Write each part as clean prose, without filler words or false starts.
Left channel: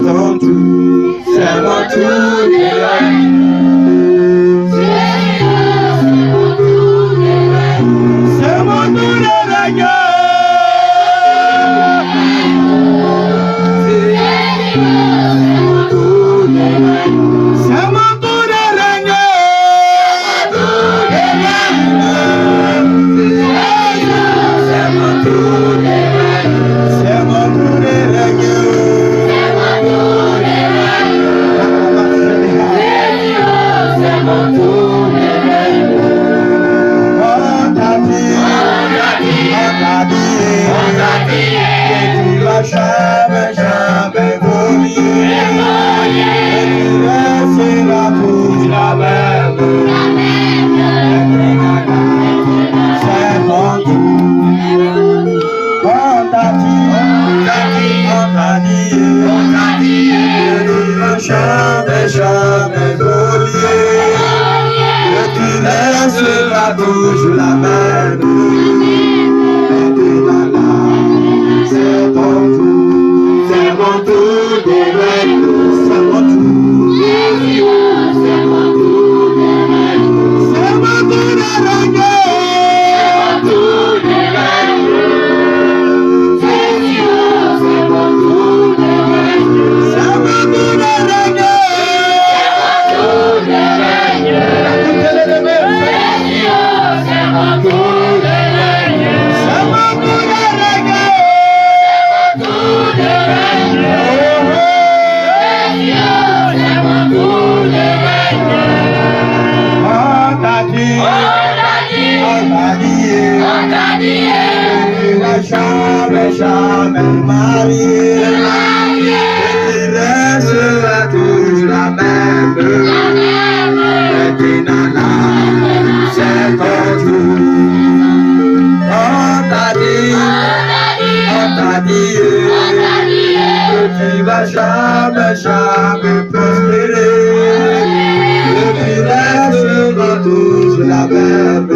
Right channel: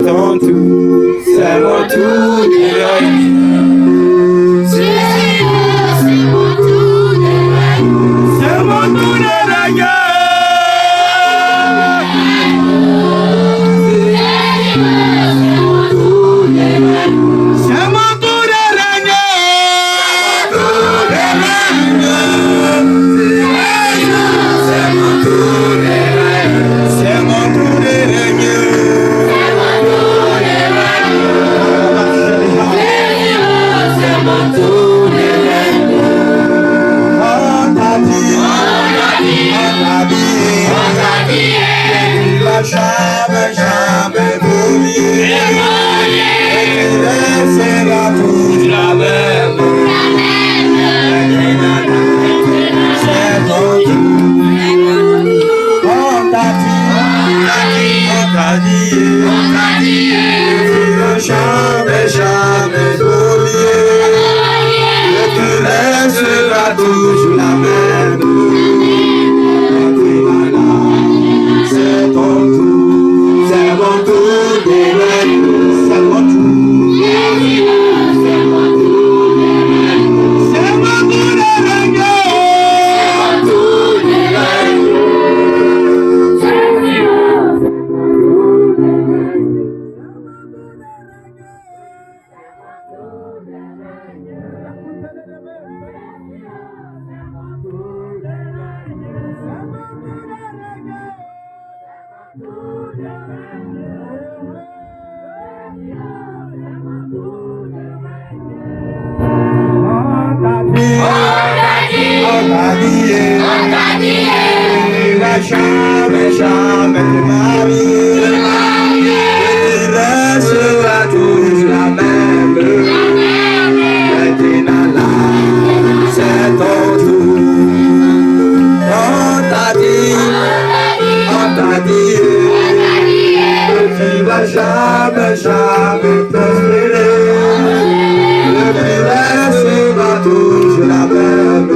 Ton tout, c'est mon tout de règne. C'est mon tout de règne. C'est mon tout de règne. Jamais, jamais oublier. C'est la bouche, la même. C'est ton tout. On t'a dit, tu vas jamais, jamais oublier. Tu laisseras toujours la même. C'est ton tout, c'est mon tout de règne, c'est mon tout, c'est mon tout de règne, c'est mon tout de règne, c'est mon tout de règne, c'est mon tout de règne, c'est mon tout de règne, c'est mon tout de règne, c'est mon tout de règne. Jamais, jamais te marier. Tu laisseras toujours la même. Maintenant là, c'est ton tour. On t'a dit que tu vas jamais, jamais prospérer. Tu laisseras toujours la même.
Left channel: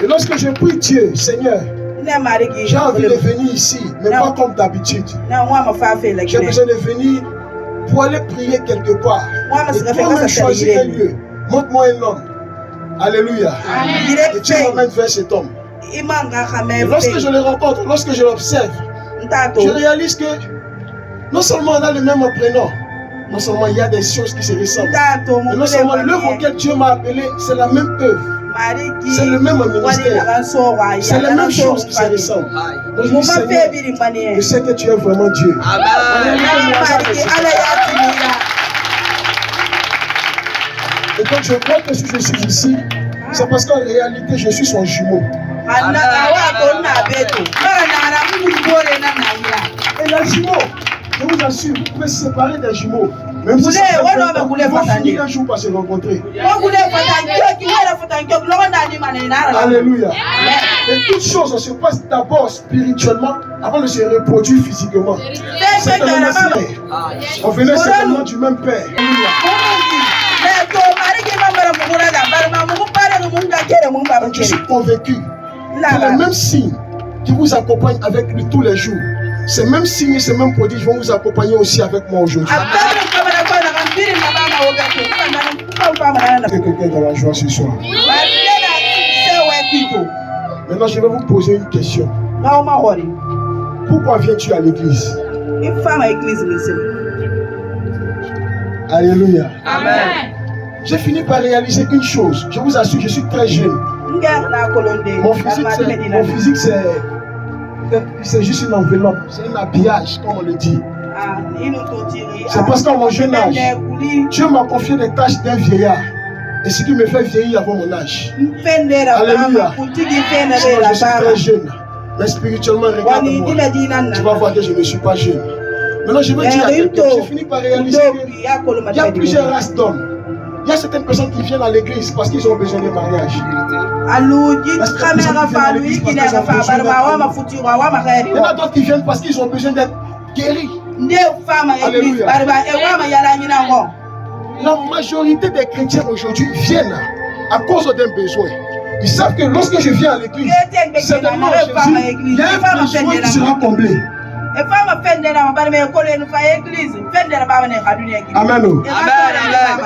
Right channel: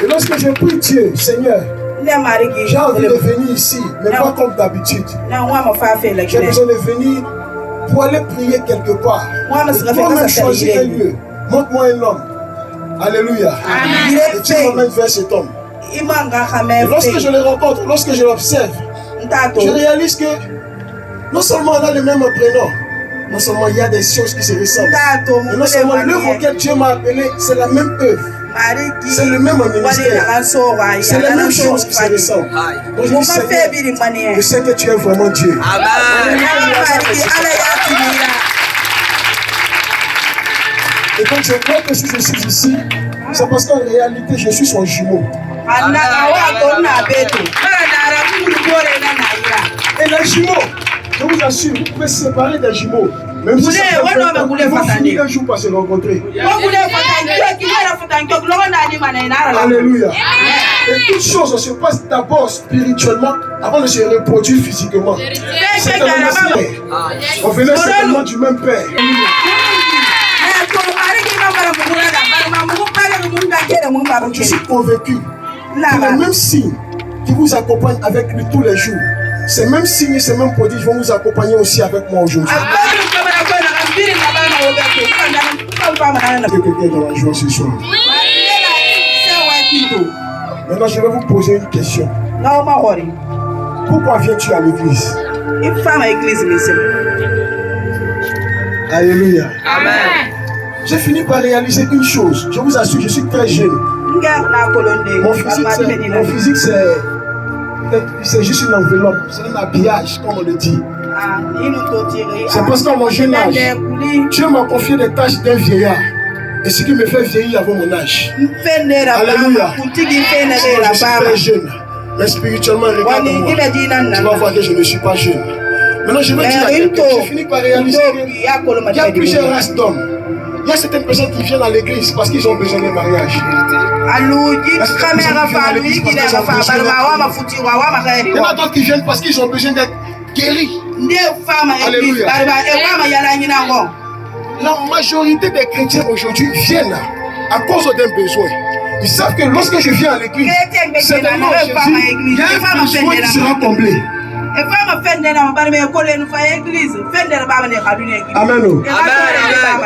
Et lorsque je prie Dieu, Seigneur, j'ai envie de venir ici, mais pas comme d'habitude. J'ai besoin de venir pour aller prier quelque part. Et toi-même choisis un lieu. Montre-moi un homme. Alléluia. Et tu m'emmènes vers cet homme. Et lorsque je le rencontre, lorsque je l'observe, je réalise que non seulement on a le même prénom, non seulement il y a des choses qui se ressemblent, mais non seulement l'œuvre auquelle Dieu m'a appelé, c'est la même œuvre. C'est le même ministère. C'est la même chose qui se ressemble. Donc je dis, Seigneur, je sais que tu es vraiment Dieu. Amen. Et donc je crois que si je suis ici, c'est parce qu'en réalité je suis son jumeau. Et les jumeaux, je vous assure, vous pouvez se séparer des jumeaux. Même si ils vont finir un jour par se rencontrer. Alléluia. Et toute chose se passe d'abord spirituellement avant de se reproduire physiquement. C'est comme on venait certainement du même père. Donc je suis convaincu que les mêmes signes qui vous accompagnent avec lui tous les jours, ces mêmes signes et ces mêmes prodiges vont vous accompagner aussi avec moi aujourd'hui. Quelqu'un dans la joie ce soir. Maintenant, je vais vous poser une question. Pourquoi viens-tu à l'église? Alléluia. Amen. J'ai fini par réaliser une chose. Je vous assure, je suis très jeune. Mon physique, c'est juste une enveloppe, c'est un habillage, comme on le dit. C'est parce qu'à mon jeune âge, Dieu m'a confié des tâches d'un vieillard. Et ce qui me fait vieillir avant mon âge. Alléluia. Je suis très jeune. Mais spirituellement, regarde-moi. Tu vas voir que je ne suis pas jeune. Maintenant, je veux dire à quelqu'un, j'ai fini par réaliser qu'il y a plusieurs races d'hommes. Il y a certaines personnes qui viennent à l'église parce qu'ils ont besoin de mariage. Il y en a d'autres qui viennent parce qu'ils ont besoin d'être guéris. Alléluia. La majorité des chrétiens aujourd'hui viennent à cause d'un besoin. Ils savent que lorsque je viens à l'église, c'est le nom de Jésus, il y a un besoin qui sera comblé. Amen.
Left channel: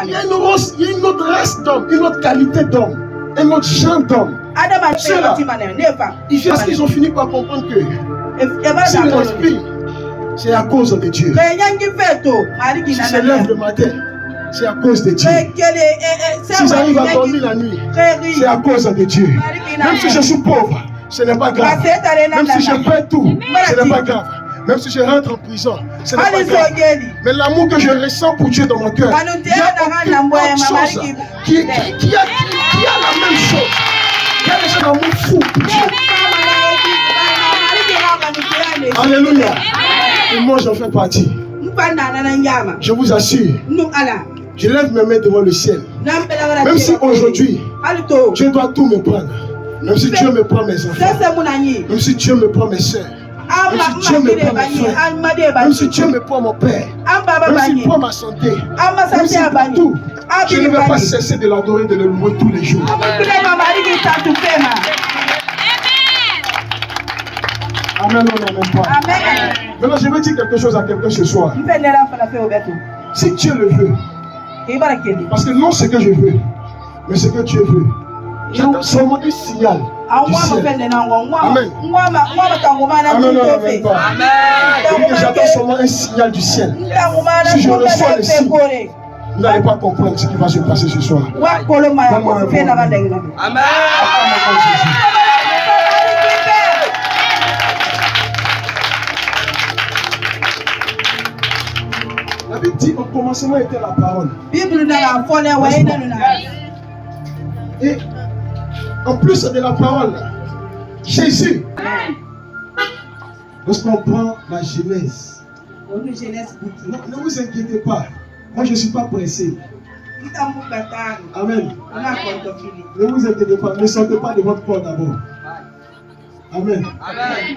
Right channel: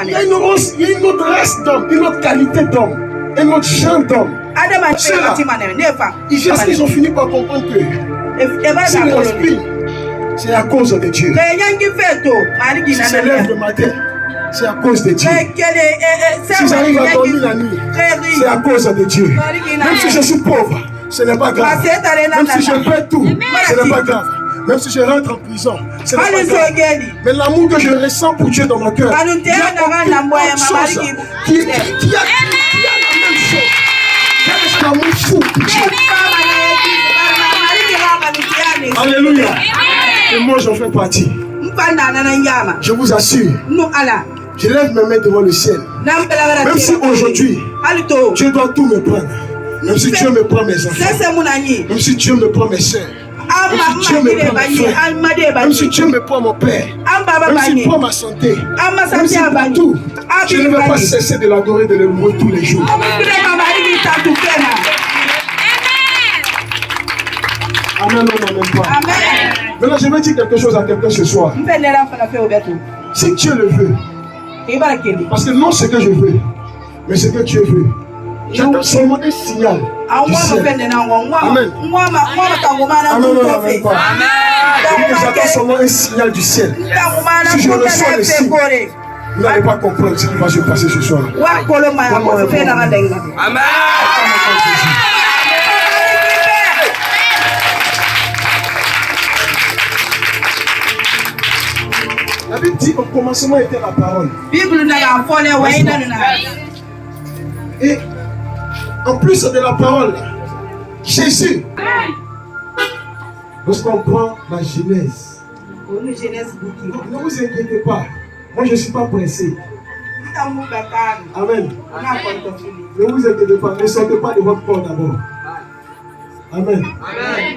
Il y a une autre race d'hommes, une autre qualité d'hommes, un autre genre d'hommes. Ceux-là, ils viennent parce qu'ils ont fini par comprendre que s'ils respirent, c'est à cause de Dieu. S'ils se lèvent le matin, c'est à cause de Dieu. Si j'arrive à dormir la nuit, c'est à cause de Dieu. Même si je suis pauvre, ce n'est pas grave. Même si je perds tout, ce n'est pas grave. Même si je rentre en prison, ce n'est pas grave. Mais l'amour que je ressens pour Dieu dans mon cœur, il y a aucune chose qui a la même chose. Il y a déjà l'amour fou pour Dieu. Alléluia. Et moi, j'en fais partie. Je vous assure. Je lève mes mains devant le ciel. Même si aujourd'hui, Dieu doit tout me prendre. Même si Dieu me prend mes enfants. Même si Dieu me prend mes soeurs. Même si Dieu me prend mes frères. Même si Dieu me prend mon père. Même s'il prend ma santé. Même s'il prend tout. Je ne vais pas cesser de l'adorer, de le louer tous les jours. Amen, on n'en même pas. Maintenant, je vais dire quelque chose à quelqu'un ce soir. Si Dieu le veut, parce que non ce que je veux, mais ce que Dieu veut. J'attends seulement un signal du ciel. Amen. J'attends seulement un signal du ciel. Si je reçois le signe, vous n'allez pas comprendre ce qui va se passer ce soir. Amen. La Bible dit au commencement était la parole. Et en plus de la parole, Jésus, lorsqu'on prend la Genèse, ne vous inquiétez pas, moi je ne suis pas pressé. Amen. Ne vous inquiétez pas, ne sortez pas de votre corps d'abord. Amen.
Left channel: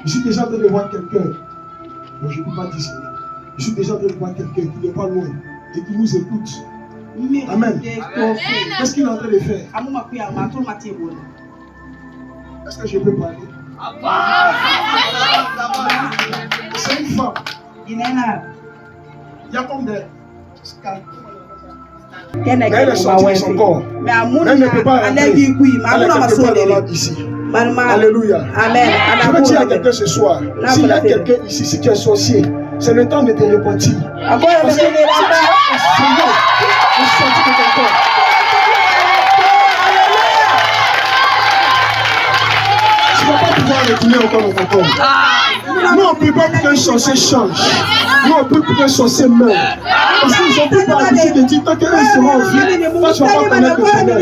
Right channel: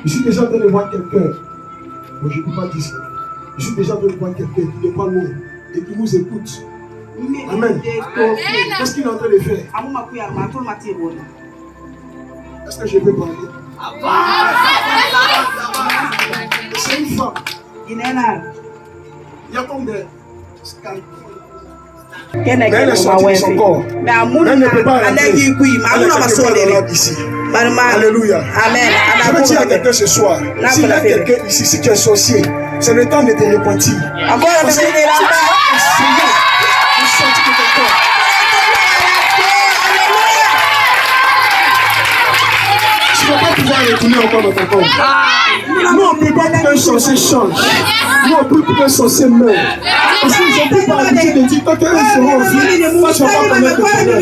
Je suis déjà en train de voir quelqu'un. Bon, je ne peux pas dire ça. Je suis déjà en train de voir quelqu'un qui n'est pas loin et qui nous écoute. Amen. Qu'est-ce qu'il est en train de faire? Est-ce que je peux parler? C'est une femme. Il y a comme des scalpes. Elle est sortie de son corps. Elle ne peut pas rentrer. Elle est quelque part ici. Alléluia. Amen. Je veux dire à quelqu'un ce soir, s'il y a quelqu'un ici, si tu es sorcier, c'est le temps de te repentir. Parce que c'est le Seigneur est sorti de ton corps. Tu ne vas pas pouvoir retourner encore dans ton corps. Nous, on ne peut pas qu'un sorcier change. Nous, on peut qu'un sorcier meure. Parce qu'ils ont pris par l'habitude de dire, tant qu'eux seront en vie, toi, tu ne vas pas connaître le bonheur.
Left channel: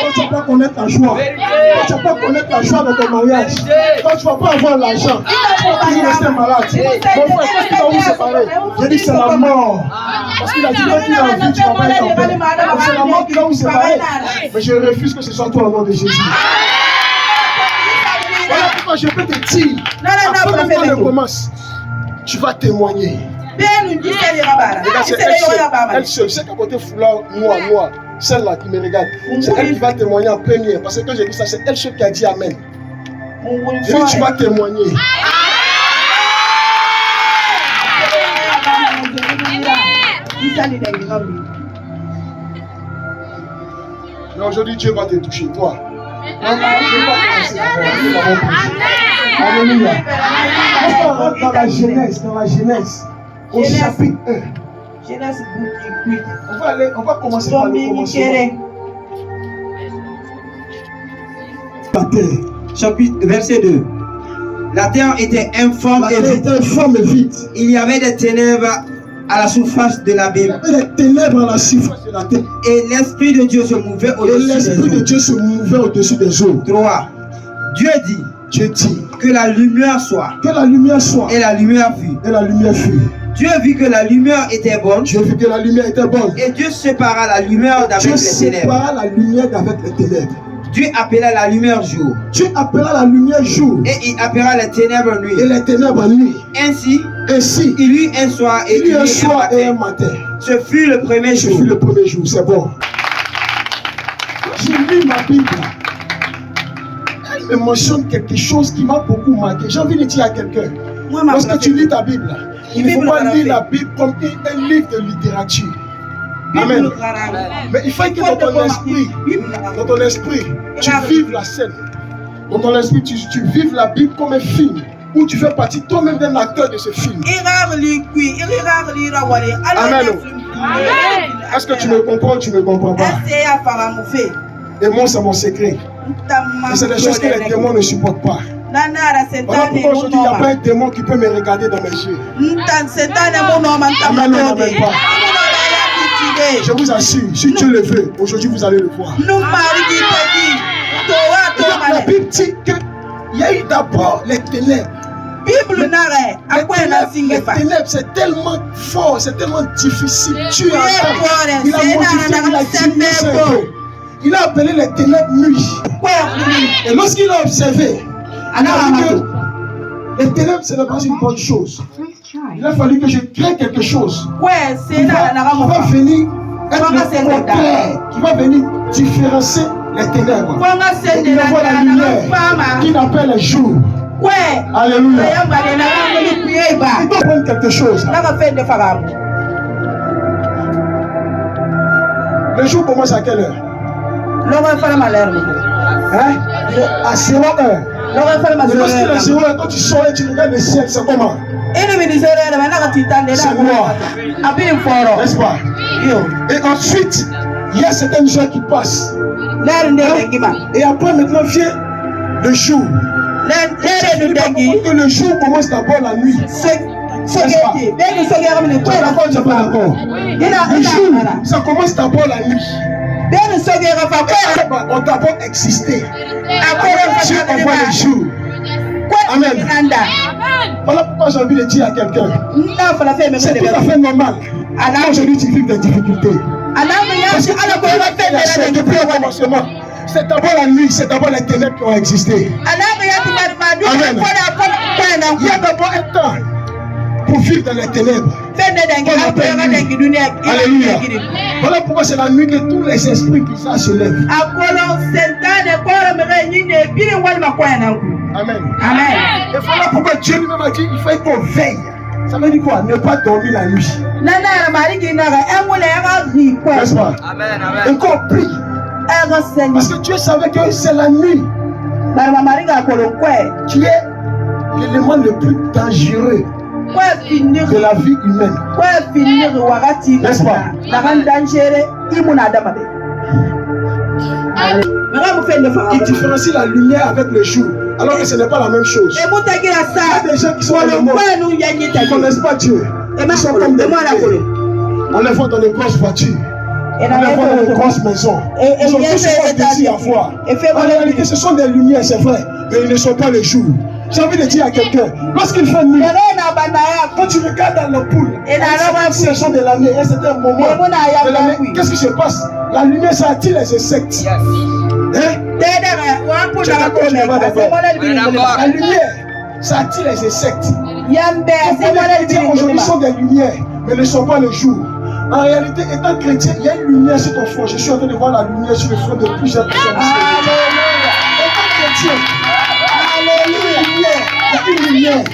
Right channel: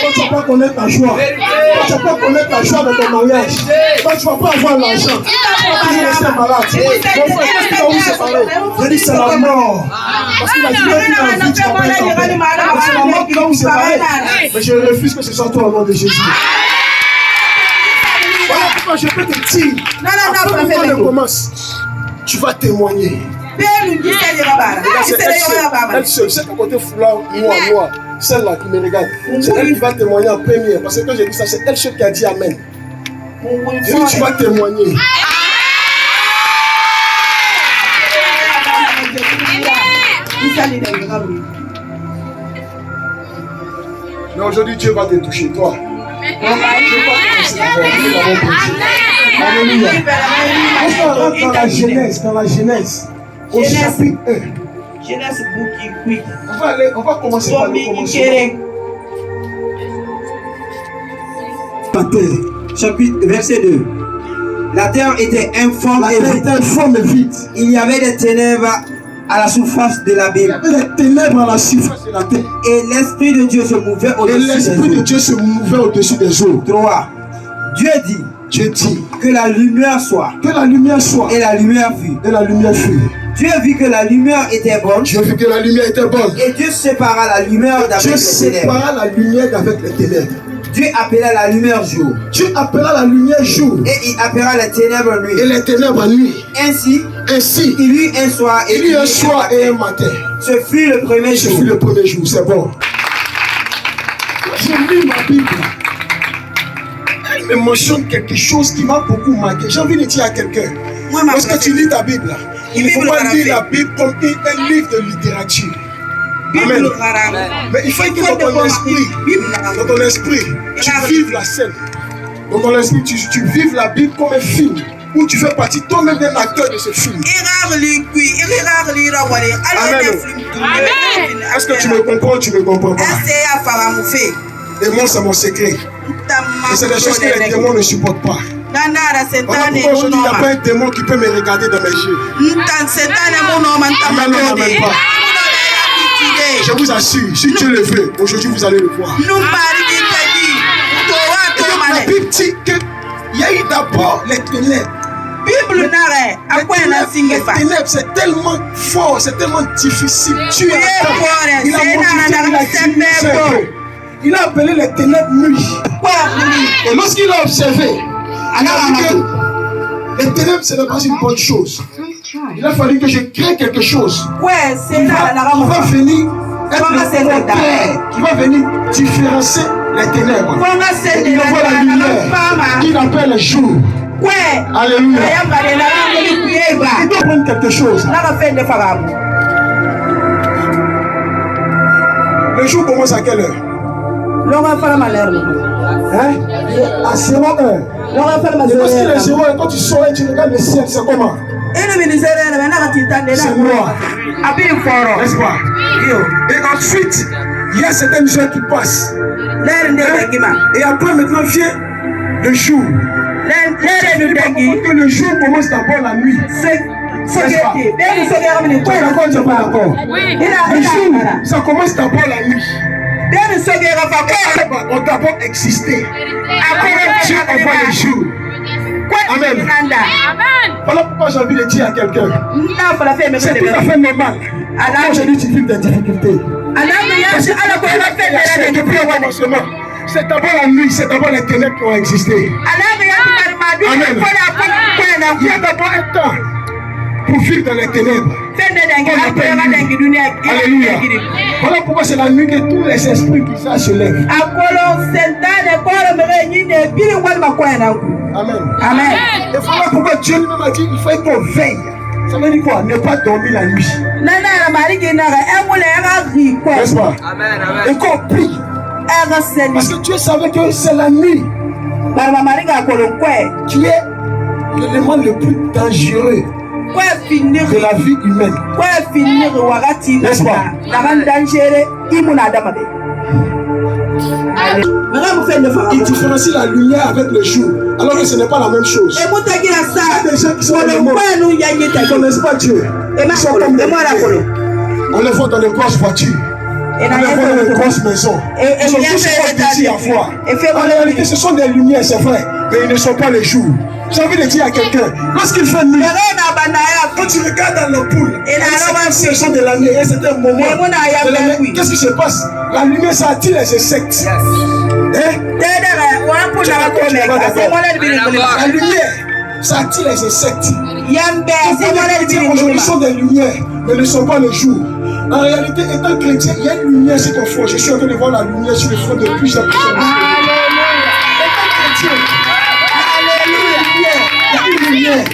Toi, tu ne vas pas connaître ta joie. Toi, tu ne vas pas connaître ta joie dans ton mariage. Toi, tu ne vas pas avoir l'argent. Toi, tu vas rester malade. Mon frère, qu'est-ce qui va vous séparer? Je dis, c'est la mort. Parce qu'il a dit, même qu'il a envie, tu ne vas pas être en paix. C'est la mort qui va vous séparer. Mais je refuse que ce soit toi au nom de Jésus. Voilà pourquoi je peux te dire, avant que le commence, tu vas témoigner. Regarde, c'est elle seule, c'est qu'à côté foulard, noir, celle-là qui me regarde, c'est elle qui va témoigner en première. Parce que quand j'ai dit ça, c'est elle seule qui a dit Amen. J'ai dit, tu vas témoigner. Mais aujourd'hui, Dieu va te toucher, toi. Alléluia. Dans la Genèse, au chapitre 1. On va commencer par le commencement. Chapitre, verset 2. La terre était informe et vide. Il y avait des ténèbres à la surface de l'abîme. Il y avait des ténèbres à la surface de la terre. Et l'Esprit de Dieu se mouvait au-dessus des eaux. 3. Dieu dit que la lumière soit. Et la lumière fut. Dieu vit que la lumière était bonne. Et Dieu sépara la lumière d'avec les ténèbres. Dieu appela la lumière jour. Et il appela les ténèbres nuit. Ainsi, il y eut un soir et un matin. Ce fut le premier jour. C'est bon. Je lis ma Bible. Elle me mentionne quelque chose qui m'a beaucoup marqué. J'ai envie de dire à quelqu'un. Lorsque tu lis ta Bible, il ne faut pas lire la Bible comme un livre de littérature. Amen. Mais il faut que dans ton esprit, tu vives la scène. Dans ton esprit, tu vives la Bible comme un film où tu fais partie toi-même d'un acteur de ce film. Amen. Est-ce que tu me comprends ou tu ne me comprends pas? Et moi, c'est mon secret. Et c'est des choses que les démons ne supportent pas. Voilà pourquoi aujourd'hui, il n'y a pas un démon qui peut me regarder dans mes yeux. Amen, non, même pas. Je vous assure, si Dieu le veut, aujourd'hui vous allez le voir. La Bible dit qu'il y a eu d'abord les ténèbres. Les ténèbres, c'est tellement fort, c'est tellement difficile. Dieu attend. Il a modifié, il a appelé les ténèbres nuit. Et lorsqu'il a observé, les ténèbres, ce n'est pas une bonne chose. Il a fallu que je crée quelque chose qui va venir être le contraire, qui va venir différencier les ténèbres. Et il envoie la lumière qu'il appelle le jour. Alléluia. Il doit prendre quelque chose. Le jour commence à quelle heure? Hein? À 0 heure. Et lorsqu'il est 0 heure, quand tu sors et tu regardes le ciel, c'est comment? C'est noir. N'est-ce pas? Et ensuite, il y a certaines heures qui passent. Et après, maintenant, vient le jour. Que le jour commence d'abord la nuit. N'est-ce pas? D'accord, tu n'es pas d'accord? Le jour, ça commence d'abord la nuit. On a d'abord existé. Après, Dieu envoie le jour. Amen. Voilà pourquoi j'ai envie de dire à quelqu'un. C'est tout à fait normal. Aujourd'hui, tu vis des difficultés. Parce que depuis le commencement, c'est d'abord la nuit, c'est d'abord les ténèbres qui ont existé. Amen. Il y a d'abord un temps pour vivre dans les ténèbres. Alléluia. Voilà pourquoi c'est la nuit que tous les esprits bizarres se lèvent. Amen. Et voilà pourquoi Dieu lui-même a dit il faut qu'on veille. Ça veut dire quoi? Ne pas dormir la nuit. N'est-ce pas? Et qu'on prie. Parce que Dieu savait que c'est la nuit qui est l'élément le plus dangereux de la vie humaine. N'est-ce pas? Il différencie la lumière avec le jour, alors que ce n'est pas la même chose. Il y a des gens qui sont dans le monde, qui ne connaissent pas Dieu. Ils sont comme des pierres. On les voit dans les grosses voitures. On les voit dans les grosses maisons. Ils sont tous petits à voir. En réalité, ce sont des lumières, c'est vrai, mais ils ne sont pas les jours. J'ai envie de dire à quelqu'un, lorsqu'il fait nuit, quand tu regardes dans l'ampoule, ce sont de l'année, et c'est un moment de l'année, qu'est-ce qui se passe? La lumière, ça attire les insectes. La lumière, ça attire les insectes. Aujourd'hui, sont des lumières, mais ne sont pas le jour. En réalité, étant chrétien, il y a une lumière sur ton front. Je suis en train de voir la lumière sur le front de plusieurs personnes. Étant chrétien, il y a une lumière.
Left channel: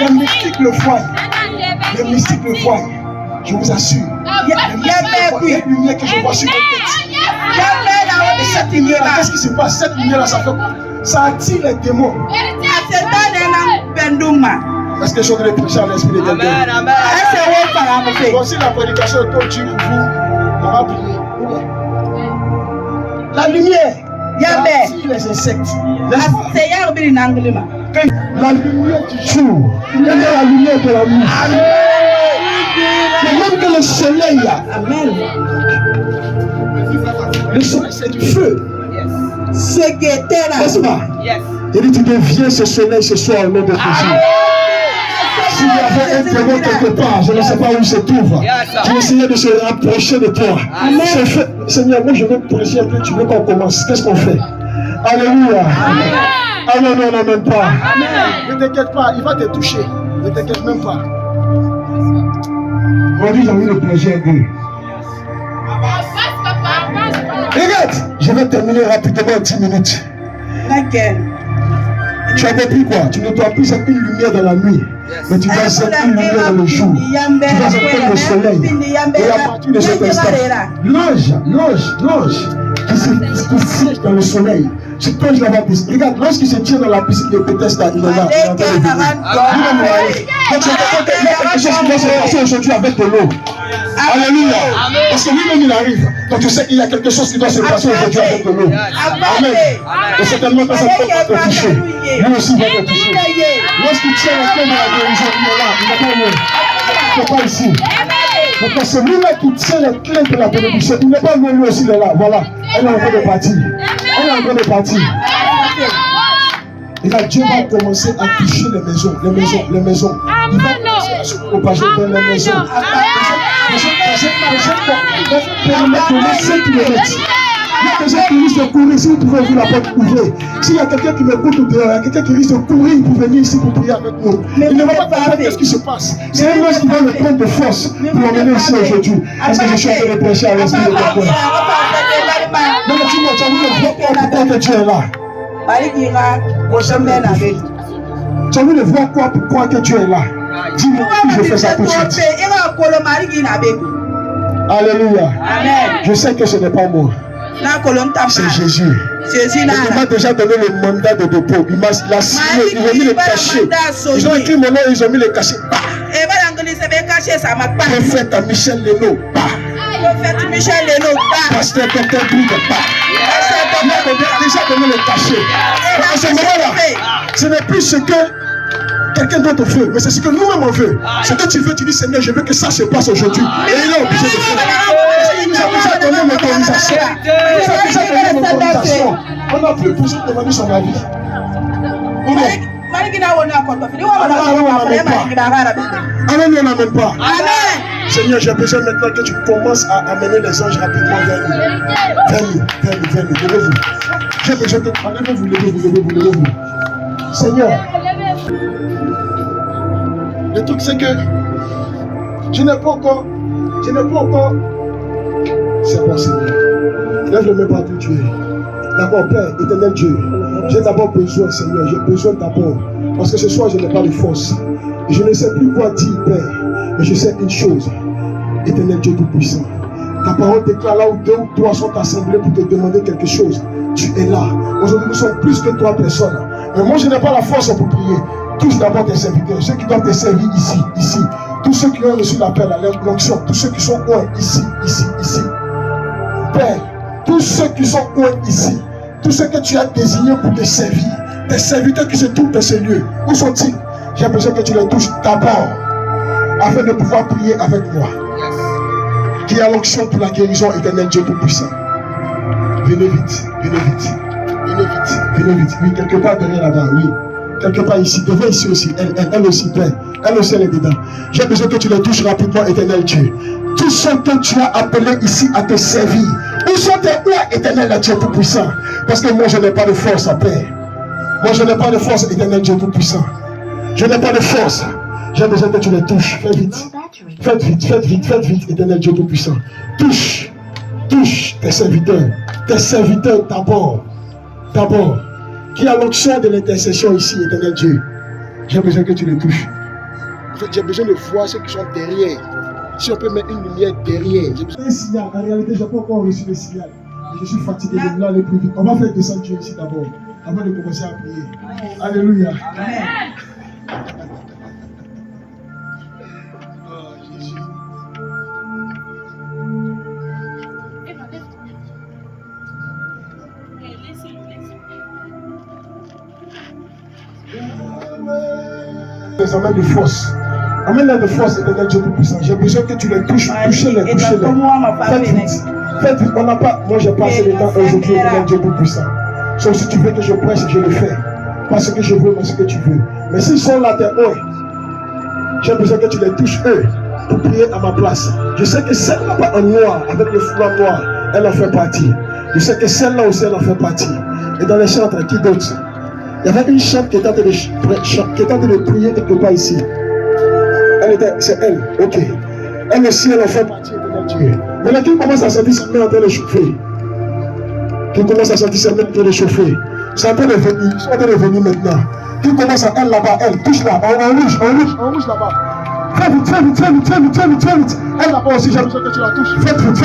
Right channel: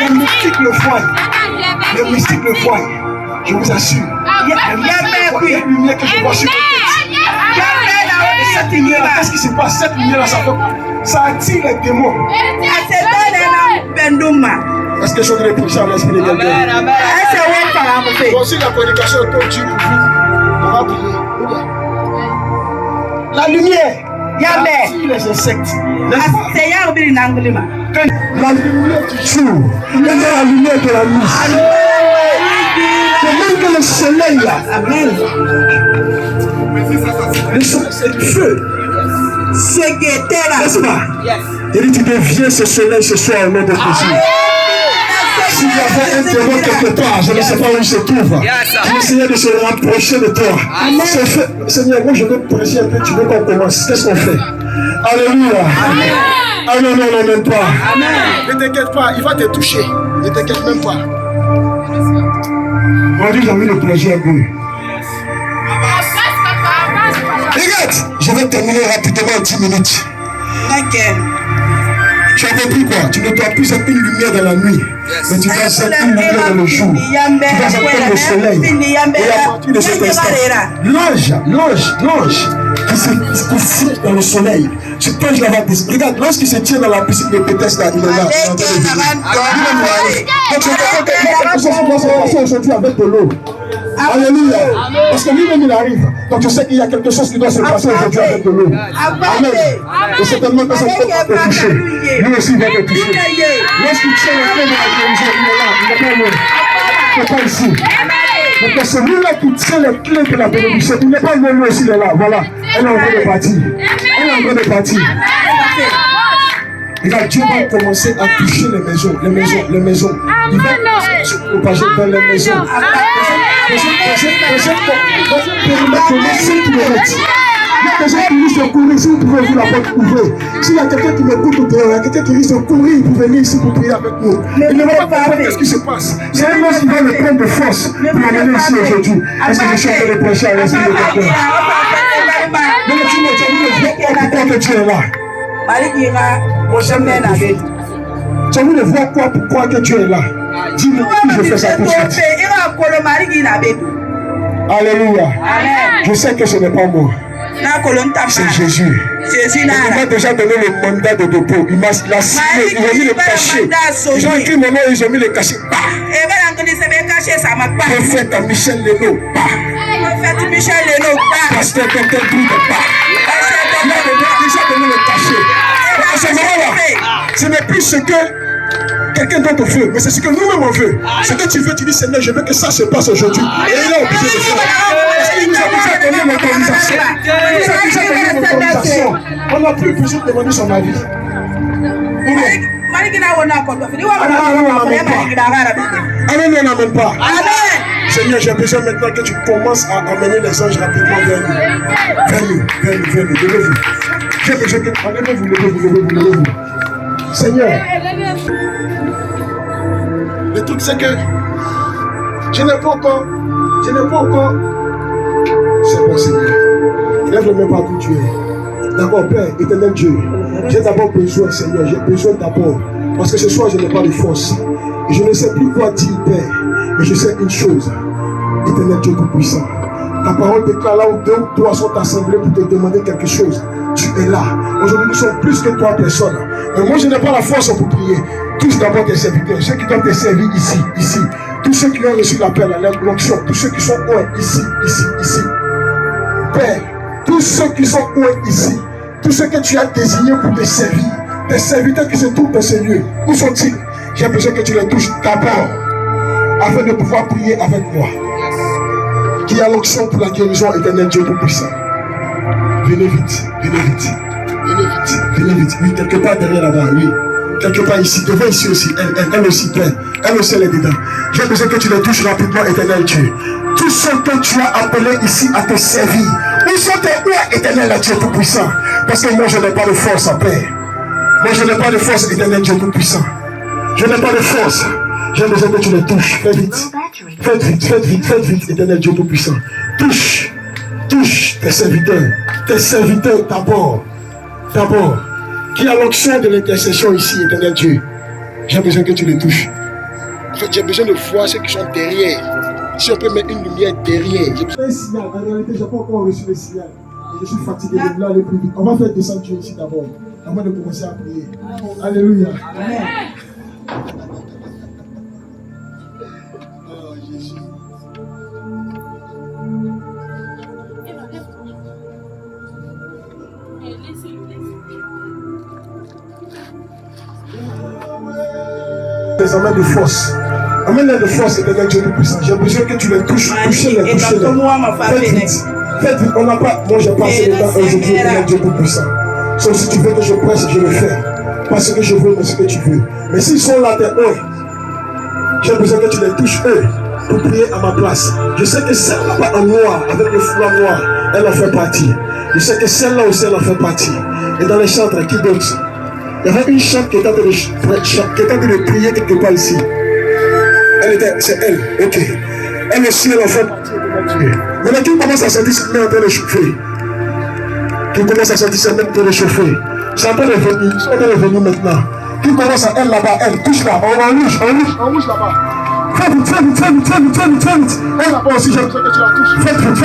Les mystiques le voient. Les mystiques le voient. Je vous assure. Il y a une lumière que je vois sur votre tête. Et cette lumière-là, qu'est-ce qui se passe? Cette lumière-là, ça attire les démons. Est-ce que je suis en train de prêcher à l'esprit de quelqu'un? Bon, si la prédication est trop dure pour vous, on va prier. La lumière attire les insectes. La lumière du jour, la lumière de la nuit. De même que le soleil là. Le soleil, c'est du feu. N'est-ce pas? Et tu deviens ce soleil ce soir au nom de Jésus. S'il y avait un témoin quelque part, je ne sais pas où il se trouve. J'ai essayé de se rapprocher de toi. Seigneur, moi je veux prêcher un peu, tu veux qu'on commence. Qu'est-ce qu'on fait? Alléluia. Ah non, non, non, même pas. Ne t'inquiète pas, il va te toucher. Ne t'inquiète même pas. Aujourd'hui, j'ai envie de prêcher un peu. Regarde, je vais terminer rapidement en 10 minutes. Tu as compris quoi? Tu ne dois plus être une lumière dans la nuit, mais tu dois être une lumière dans le jour. Tu dois être le soleil. Et à partir de cet instant, l'ange qui siège dans le soleil, tu plonges là-bas. Regarde, lorsqu'il se tient dans la piscine de Bethesda, il est là. Donc c'est quelque chose qui va se passer aujourd'hui avec de l'eau. Alléluia. Parce que lui-même il arrive. Donc tu sais qu'il y a quelque chose qui doit se passer aujourd'hui avec de l'eau. Amen. Et certainement que ça va te toucher. Lui aussi va te toucher. Lorsqu'il tient la clé de la guérison, il est là. Il n'est pas loin. Il n'est pas ici. Donc celui-là qui tient les clés de la bénédiction, il n'est pas loin, lui aussi il est là. Voilà. Elle est en train de partir. Elle est en train de partir. Et là, Dieu va commencer à toucher les maisons. Il va se propager dans les maisons. Il y a des gens qui risquent de courir, si vous pouvez ouvrir la porte, ouvrez. S'il y a quelqu'un qui me coupe au dehors, il y a quelqu'un qui risque de courir pour venir ici pour prier avec nous. Il ne va pas comprendre ce qui se passe. C'est un homme qui va le prendre de force pour amener ici aujourd'hui. Est-ce que je suis en train de prêcher à l'esprit de quelqu'un? Non, mais tu as envie de voir pourquoi que tu es là. Tu as envie de voir pourquoi que tu es là. Dis-moi que je fais ça tout de suite. Alléluia. Je sais que ce n'est pas moi. C'est Jésus. Il m'a déjà donné le mandat de dépôt. Il m'a signé, ils ont mis le cachet. Ils ont écrit mon nom, ils ont mis le cachet. Prophète Michel Leno. Pasteur Dr. Boude. Il m'a déjà donné le cachet. À ce moment-là, ce n'est plus ce que quelqu'un d'autre veut, mais c'est ce que nous-mêmes on veut. Ce que tu veux, tu dis Seigneur, je veux que ça se passe aujourd'hui. Et il est obligé de faire. Parce qu'il nous a déjà donné l'autorisation. Il nous a déjà donné l'autorisation. On n'a plus besoin de demander son avis. Amen, on n'amène pas. Seigneur, j'ai besoin maintenant que tu commences à amener les anges rapidement vers nous. Vers nous, levez-vous. J'ai besoin que levez-vous. Seigneur, le truc c'est que je n'ai pas encore. C'est bon, Seigneur. Lève le main partout tu es. D'accord, Père, éternel Dieu. J'ai d'abord besoin, Seigneur. J'ai besoin d'abord. Parce que ce soir, je n'ai pas de force. Et je ne sais plus quoi dire, Père. Mais je sais une chose. Éternel Dieu Tout-Puissant. Ta parole déclare là où 2 ou 3 sont assemblés pour te demander quelque chose. Tu es là. Aujourd'hui, nous sommes plus que 3 personnes. Mais moi, je n'ai pas la force pour prier. Tous d'abord tes serviteurs, ceux qui doivent te servir ici. Tous ceux qui ont reçu l'appel à l'onction, tous ceux qui sont ici. Père, tous ceux qui sont ici, tous ceux que tu as désignés pour te servir, tes serviteurs qui se trouvent dans ce lieu, où sont-ils? J'ai besoin que tu les touches d'abord, afin de pouvoir prier avec moi. Qui a l'onction pour la guérison, éternel Dieu Tout-Puissant. Venez vite. Oui, quelque part derrière là-bas, oui. Quelque part ici, devant ici aussi, elle aussi, Père. Elle aussi, elle est dedans. J'ai besoin que tu les touches rapidement, éternel Dieu. Tous ceux que tu as appelés ici à te servir, où sont tes rois, éternel Dieu Tout-Puissant? Parce que moi, je n'ai pas de force, Père. Moi, je n'ai pas de force, éternel Dieu Tout-Puissant. Je n'ai pas de force. J'ai besoin que tu les touches. Faites vite, éternel Dieu Tout-Puissant. Touche tes serviteurs d'abord. Qui a l'onction de l'intercession ici, éternel Dieu. J'ai besoin que tu les touches. En fait, j'ai besoin de voir ceux qui sont derrière. Si on peut mettre une lumière derrière. Un signal, en réalité, je n'ai pas encore reçu le signal. Et je suis fatigué de vouloir aller plus vite. On va faire descendre Dieu ici d'abord, avant de commencer à prier. Alléluia. Amen. Oh, Jésus. tes amènes de force. Amène-les de force, éternel Dieu Tout-Puissant. J'ai besoin que tu les touches. Touchez-les. Faites vite. On n'a pas. Moi, j'ai passé le temps aujourd'hui, éternel Dieu Tout-Puissant. Sauf si tu veux que je presse, je le fais. Pas ce que je veux, mais ce que tu veux. Mais s'ils sont là, t'es eux. J'ai besoin que tu les touches, eux, pour prier à ma place. Je sais que celle-là en noir, avec le foulard noir, elle en fait partie. Je sais que celle-là aussi, elle en fait partie. Et dans les chantres, qui d'autre? Il y avait une chante qui était en train de prier quelque part ici. C'est elle, ok. Elle aussi, elle en fait partie. Maintenant, qui commence à sentir sa main en train de chauffer? Qui commence à sentir sa main en train de chauffer? C'est en train de venir, ils sont en train de venir maintenant. Qui commence à elle là-bas, elle, touche là, en rouge là-bas. Fais vite. Elle là-bas aussi, j'ai besoin que tu la touches. Faites vite,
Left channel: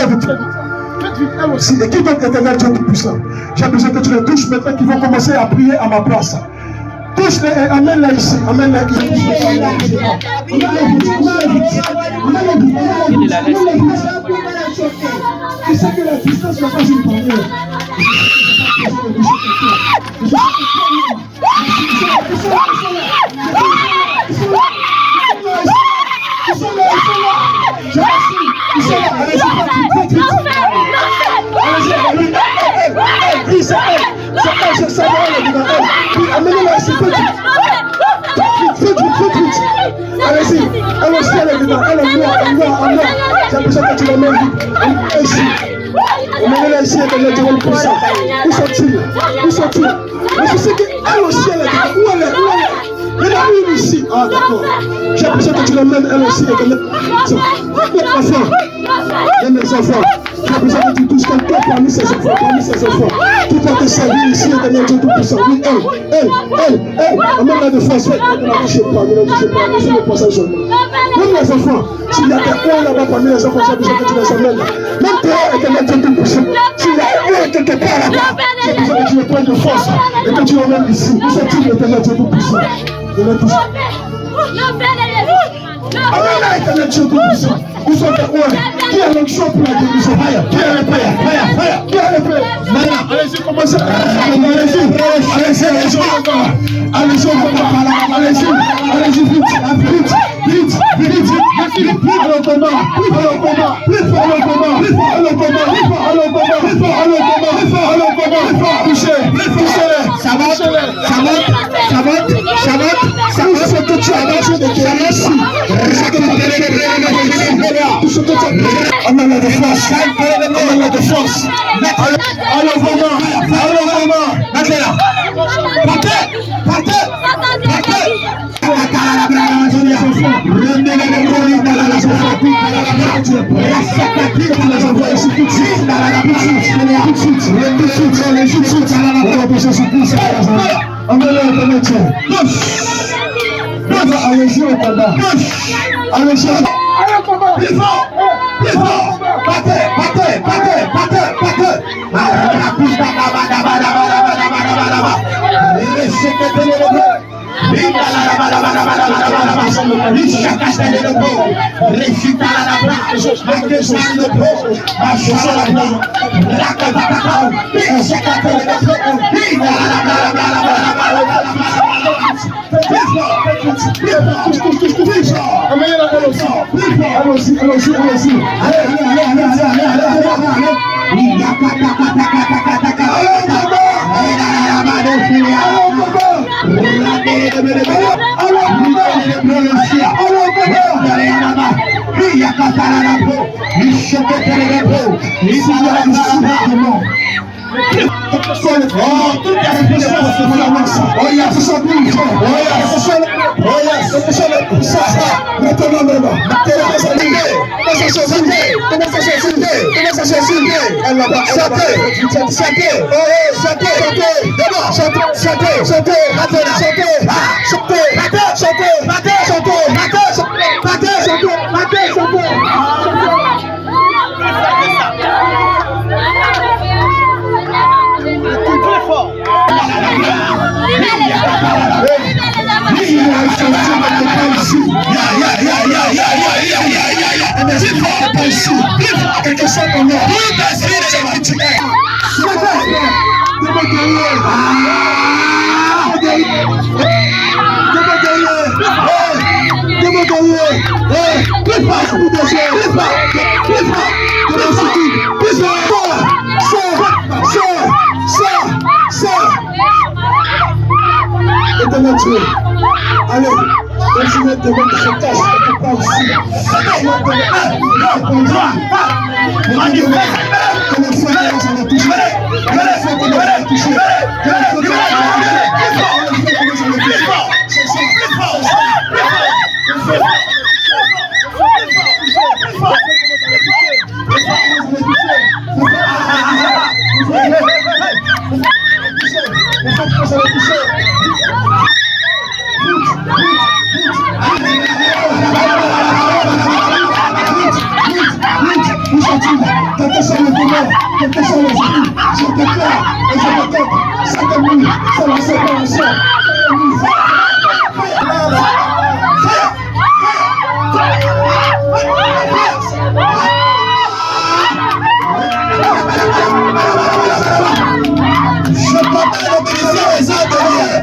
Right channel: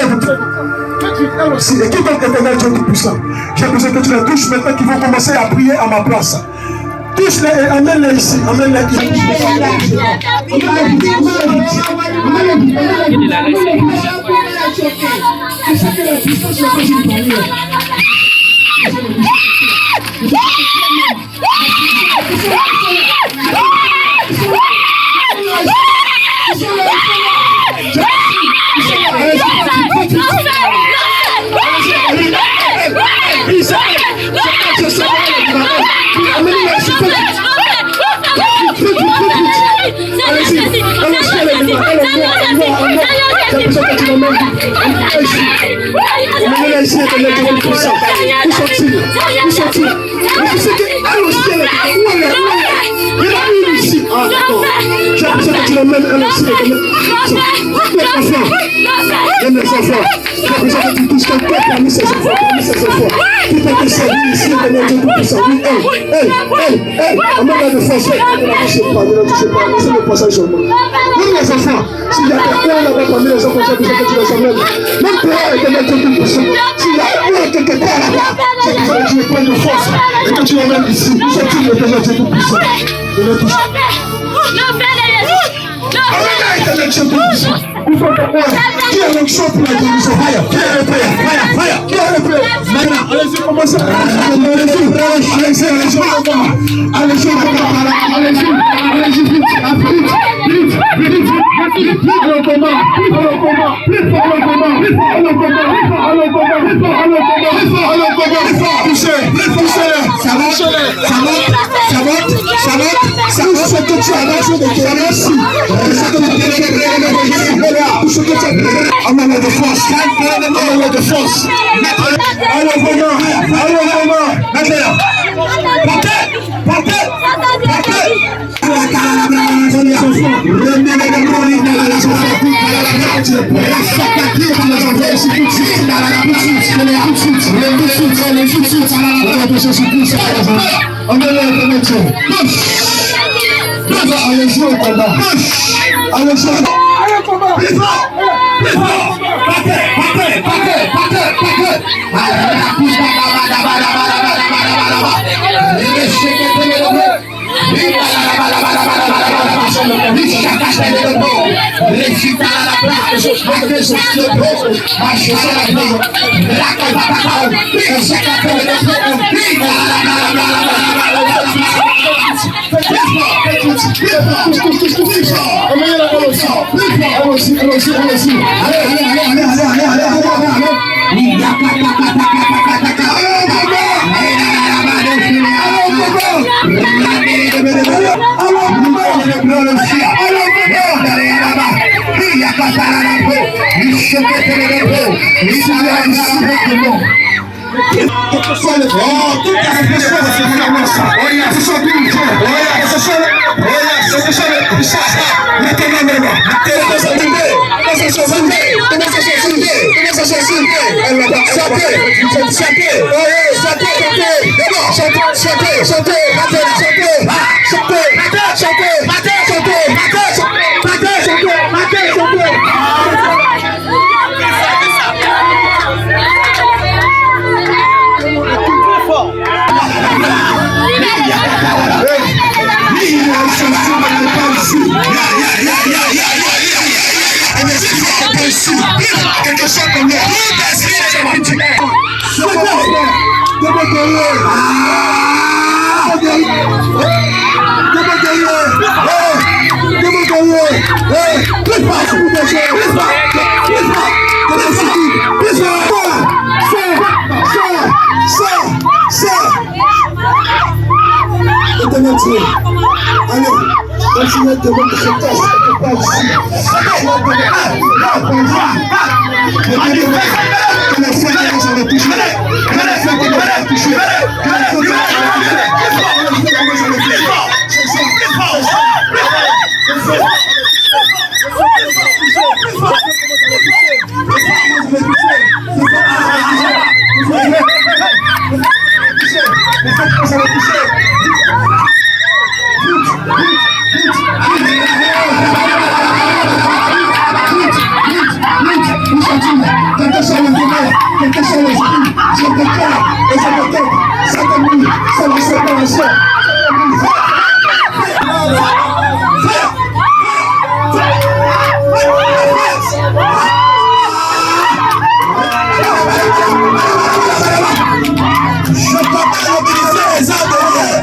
elle aussi. Et qui d'autre éternel Dieu Tout-Puissant? J'ai besoin que tu la touches maintenant qu'ils vont commencer à prier à ma place. Touche-les et amène-les ici. Amène-les ici. Je sais que la puissance n'est pas une barrière. Allez-y, commencez. Allez-y, vite. Allez-y au combat. Allez-y au combat. Continuez de mettre ce test quelque part ici. Continuez de mettre quelqu'un sur le domaine, quelqu'un sur les amis, j'ai quelqu'un, et je me tête, c'est comme lui, c'est la séparation. Je peux pas mobiliser les armes derrière.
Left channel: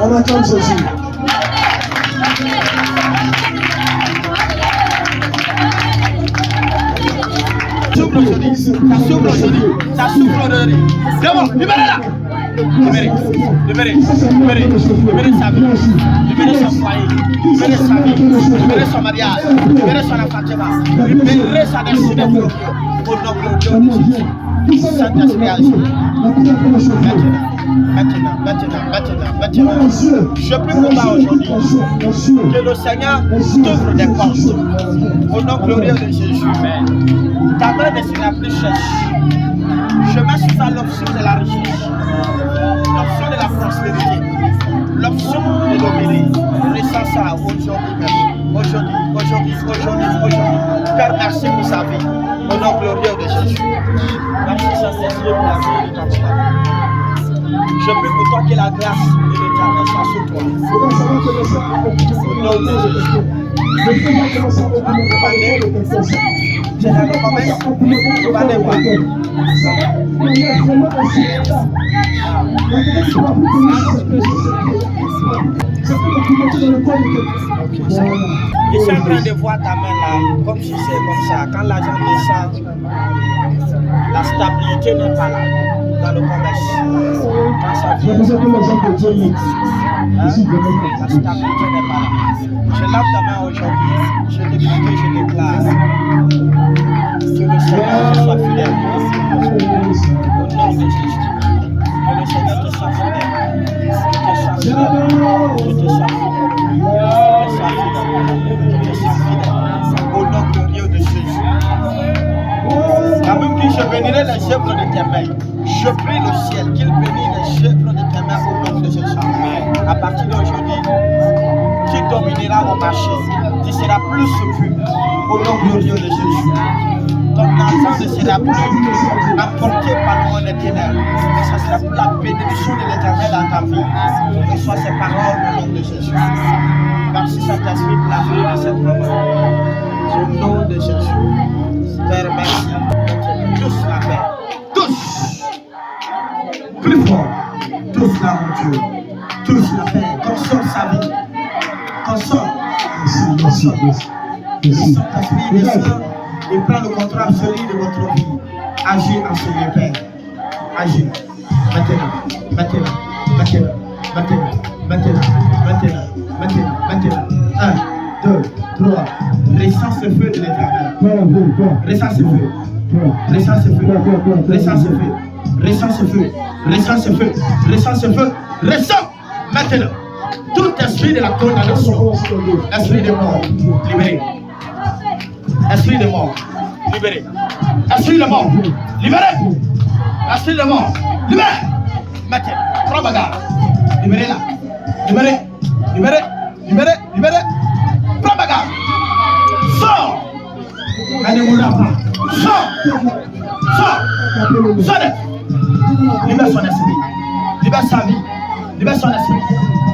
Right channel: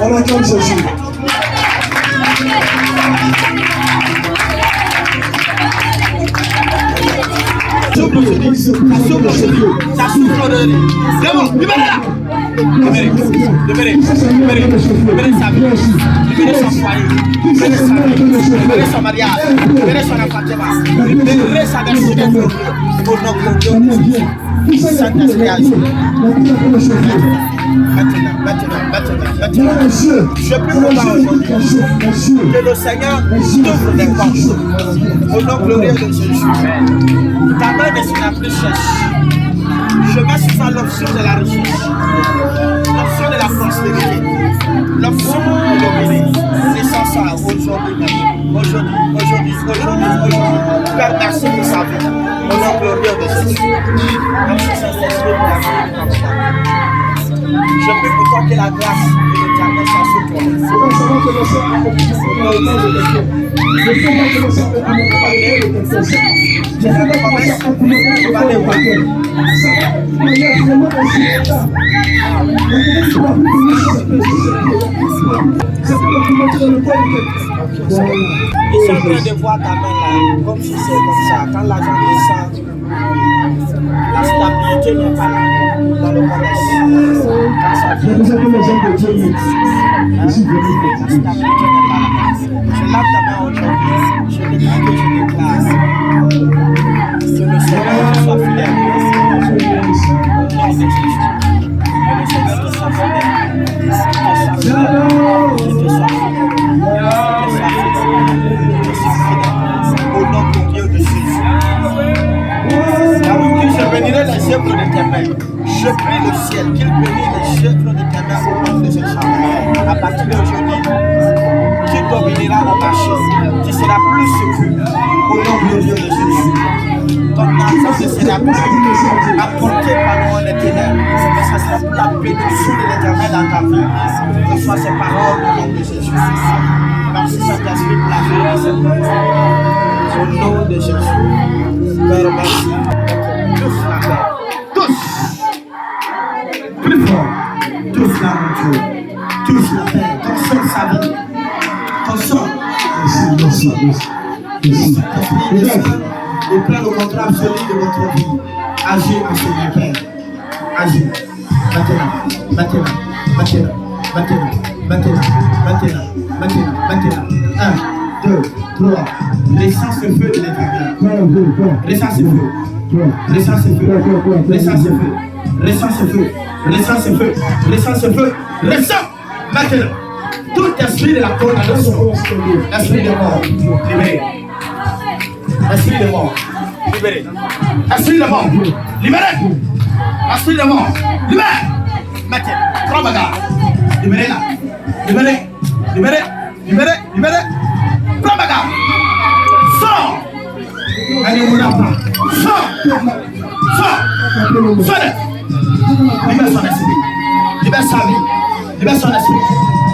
On attend Jésus. Ça souffle aujourd'hui. D'abord, libérez-la. Libérez sa vie, libérez son foyer, libérez sa vie, libérez son mariage, libérez son appartement, libérez sa destinée pour notre Dieu. Saint-Esprit agit. Maintenant. Je prie pour toi aujourd'hui que le Seigneur t'ouvre des portes au nom glorieux de Jésus. Ta main ne sera plus sèche. Je mets sur ça l'option de la richesse, l'option de la prospérité, l'option de dominer. Ressens ça aujourd'hui même. Aujourd'hui. Père, merci pour sa vie. Au nom glorieux de Jésus. Merci Saint-Esprit pour la vie de ton papa. Je prie pour toi que la grâce de l'Éternel soit sur toi. Au nom de Jésus. Je suis en train de voir ta main là, comme si c'est comme ça. Quand l'argent descend, La stabilité n'est pas là dans le commerce. Quand ça vient, la stabilité n'est pas là. Je lave ta main aujourd'hui. Je déclare que le Seigneur te soit fidèle. Au nom de Jésus. Que le Seigneur te soit fidèle. Que te soit fidèle. Au nom de Dieu de Jésus. La Bible dit, je bénirai les œuvres de tes mains. Je prie le ciel qu'il bénisse les œuvres de tes mains au nom de Jésus. À partir d'aujourd'hui, tu domineras au marché. Tu seras plus secure au nom glorieux de Jésus. Ton argent ne sera plus apporté par le monde éternel, mais ça sera pour la bénédiction de l'éternel dans ta vie. Reçois ces paroles au nom de Jésus. Merci Saint-Esprit pour la vie de cette parole. Au nom de Jésus. Père, merci. Tous la paix. Tous. Plus fort. Tous la monture. Tous la paix. Consomme sa vie. Consomme. Saint-Esprit, descend et prends le contrôle absolu de votre vie. Agis en Seigneur Père. Agis. Maintenant. 1, 2, 3. Ressens ce feu de l'éternel. Ressens ce feu. Ressens ce feu. Ressens ce feu. Ressens ce feu. Ressens ce feu. Ressens ce feu. Ressens maintenant. Tout esprit de la condamnation, esprit de mort, libéré. Esprit de mort, libéré. Esprit de mort, libéré. Esprit de mort, libéré. Maintenant, prends bagarre. Libéré là. Libéré. Libéré. Libéré. Libéré. Prends bagarre. Sors. Allez, on n'a pas. Sors. Sors. Sors. Libère son esprit. Libère sa vie. Libère son esprit.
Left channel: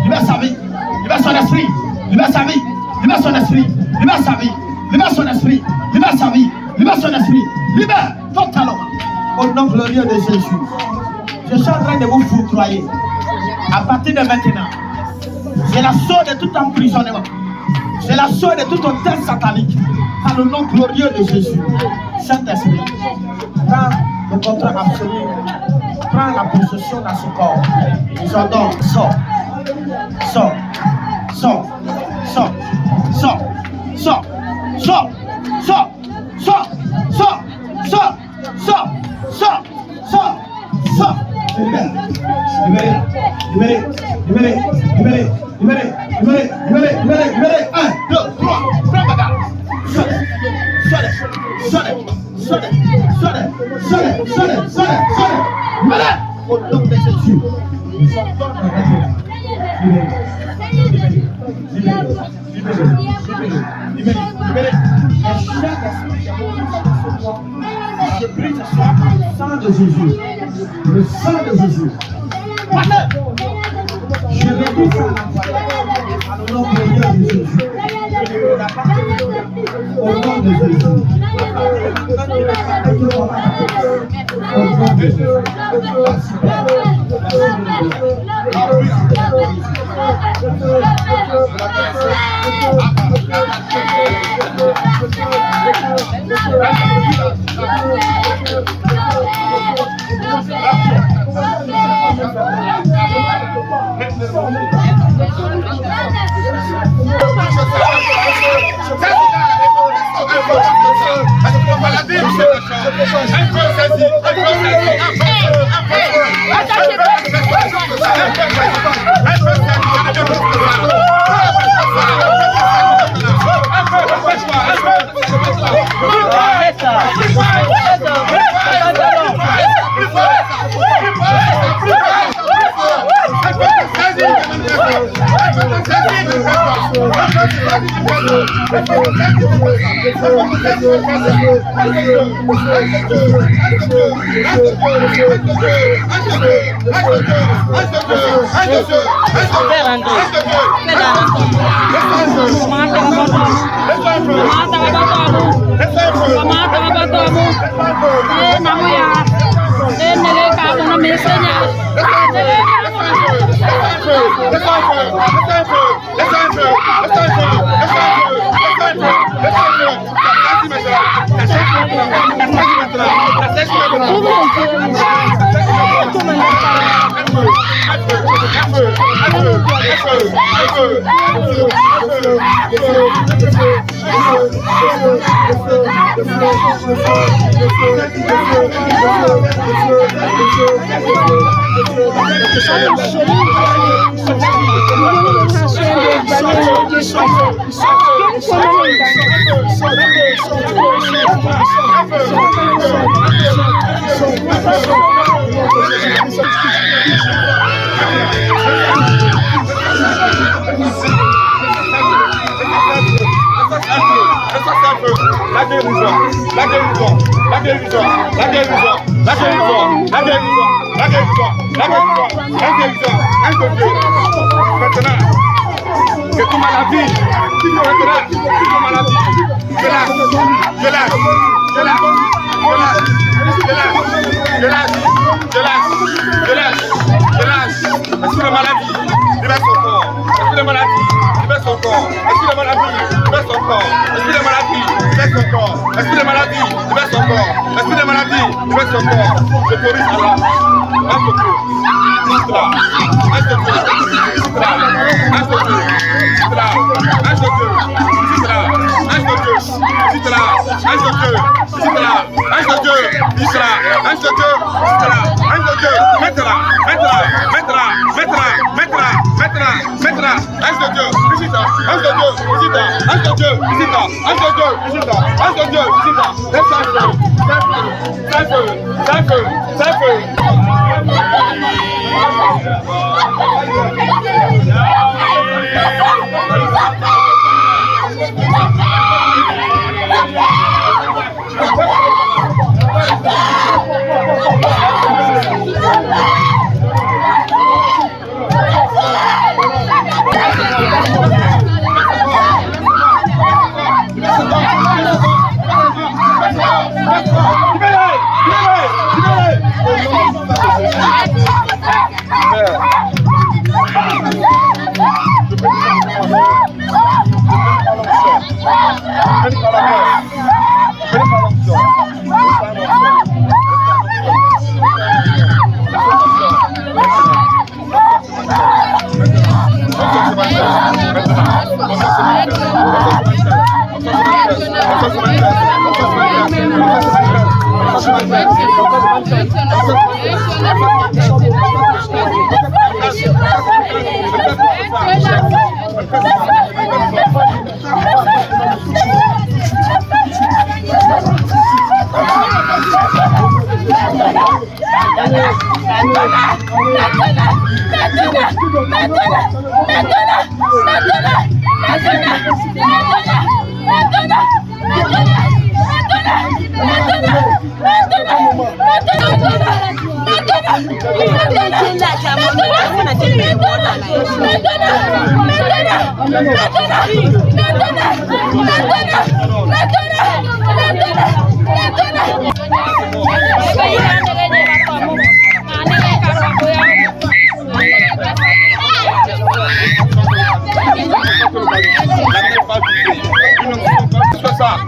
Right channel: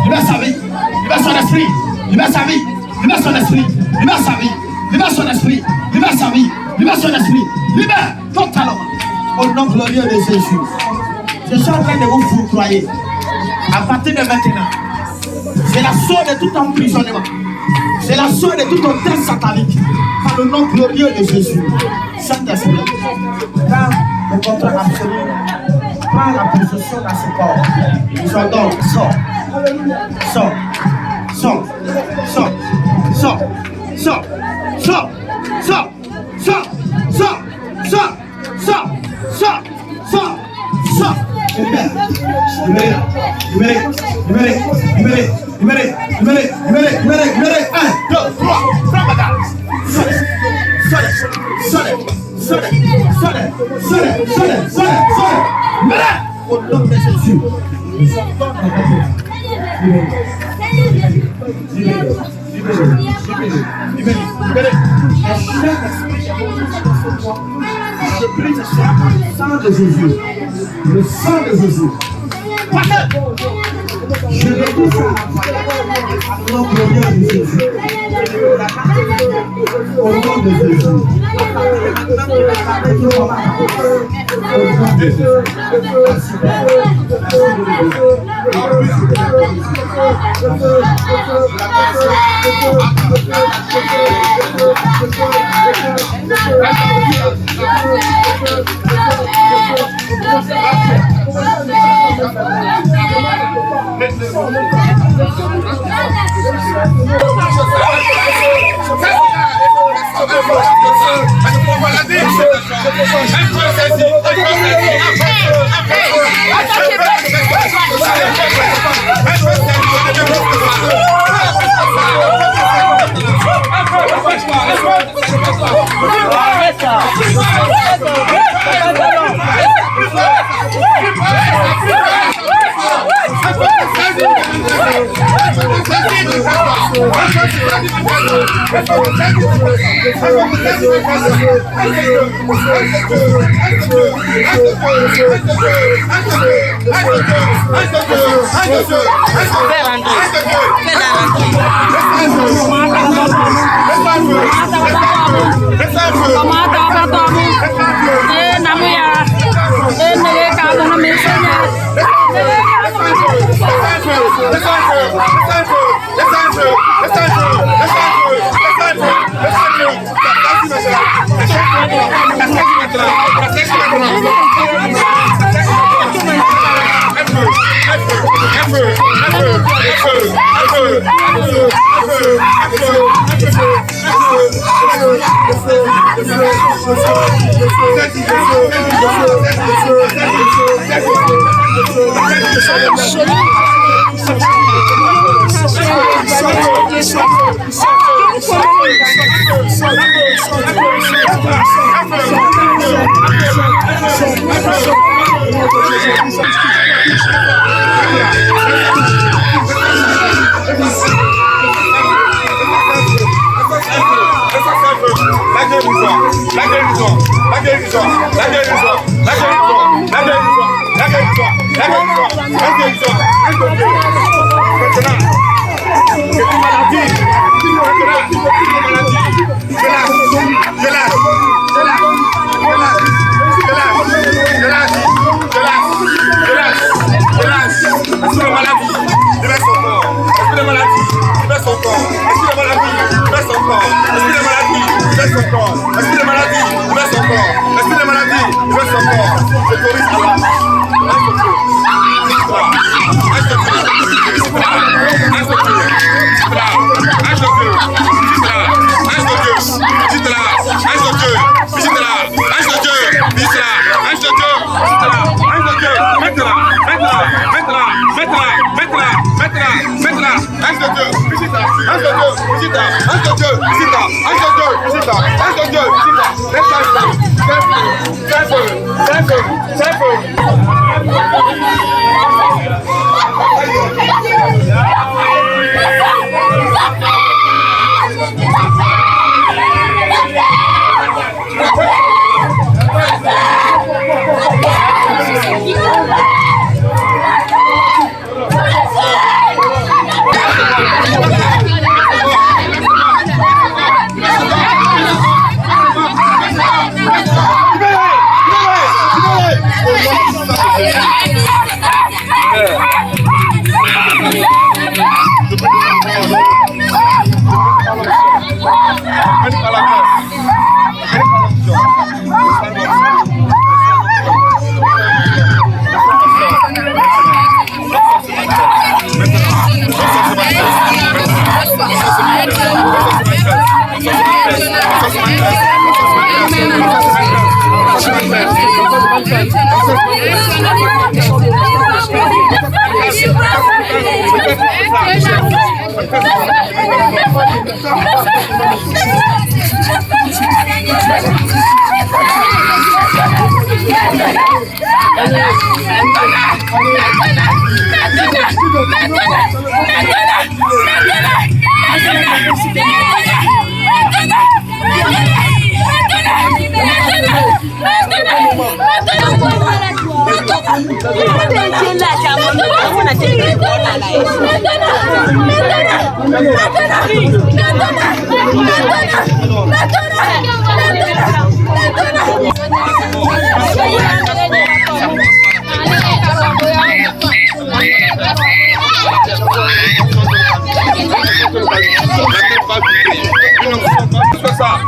Libère sa vie. Libère son esprit. Libère sa vie. Libère son esprit. Libère sa vie. Libère son esprit. Libère sa vie. Libère son esprit. Libère totalement. Au nom glorieux de Jésus. Je suis en train de vous foudroyer. À partir de maintenant, c'est la source de tout emprisonnement. C'est la source de tout hôtel satanique. Par le nom glorieux de Jésus. Saint-Esprit, prends le contrôle absolu. Prends la possession dans ce corps. J'ordonne, sors. Sors. Sors. Sors. Sors. Sors. Sors. Sors. Sors. Sors. Sors. Sors. Sors. Sors. Sors. Libéré. Libéré. Libéré. Libéré. Libéré. Libéré. Libéré. Libéré. Libéré. 1, 2, 3. Prends bagarre. Sors. Sors. Sors. Sors. Sors. Sors. Libéré. Au nom de Jésus. Libéré. Je prie ce soir par le sang de Jésus. Le sang de Jésus. Je vais tout ça à nom glorieux de Jésus. Au nom de Jésus. Au nom de Jésus. Let's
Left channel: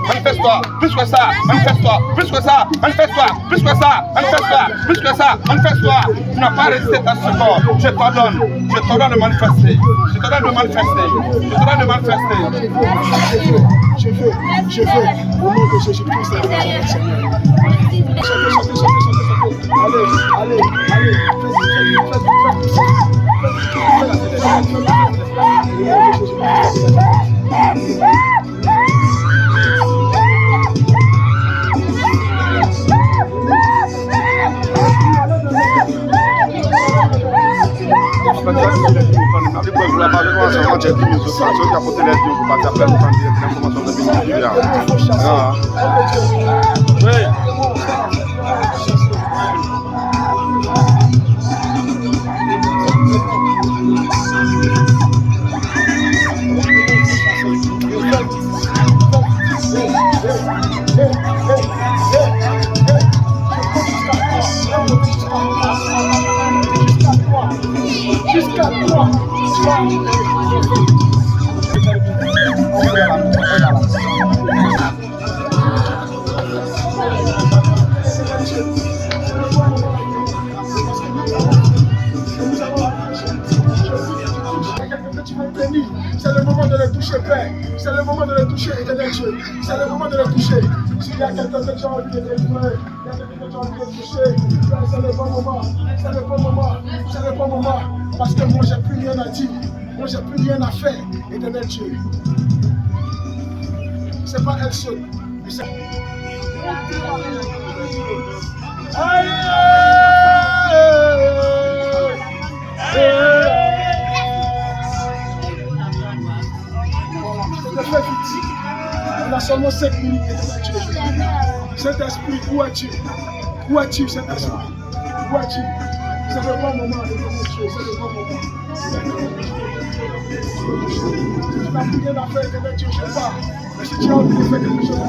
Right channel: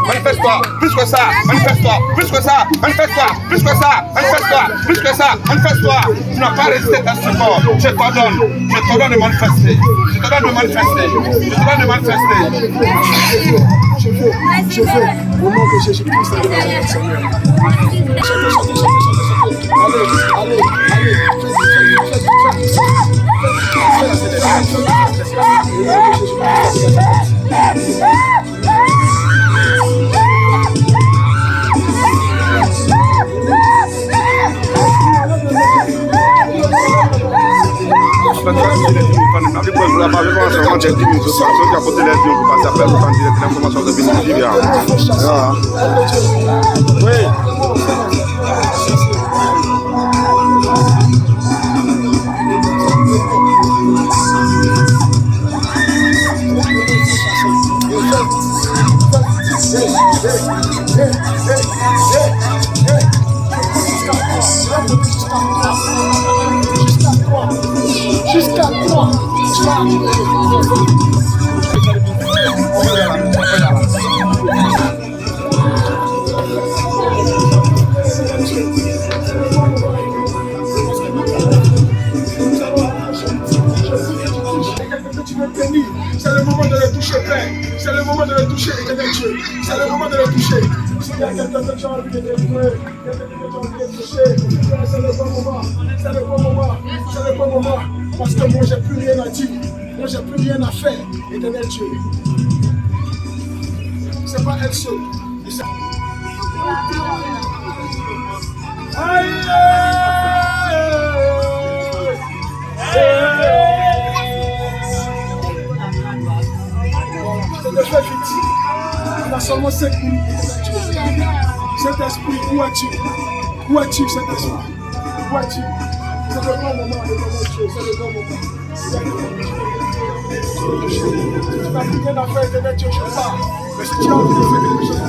Manifeste-toi, plus que ça, manifeste-toi, plus que ça, manifeste-toi, plus que ça, manifeste-toi, plus que ça, manifeste-toi. Tu n'as pas résisté à ce corps. Je t'ordonne de manifester. Je te donne de manifester. Je te donne de manifester. Je veux, au nom de Jésus-Christ, Seigneur. Allez, jusqu'à toi, tu vas veux bénir. C'est le moment de le toucher, Père. C'est le moment de le toucher, éternel Dieu. C'est le moment de le toucher. S'il y a quelqu'un que tu as envie de délivrer, il y a quelqu'un que tu as envie de toucher, c'est le bon moment. C'est le bon moment. C'est le bon moment. Parce que moi, j'ai plus rien à dire. Moi, j'ai plus rien à faire, éternel Dieu. C'est pas elle seule. Aïe! C'est des faits fictifs. On a seulement 5 minutes, éternel Dieu. Cet esprit, où es-tu? Où es-tu, cet esprit? Où es-tu? C'est le bon moment, éternel Dieu. C'est le bon moment. Tu n'as plus rien à faire, éternel Dieu, je pars. Mais si tu as envie de faire quelque chose,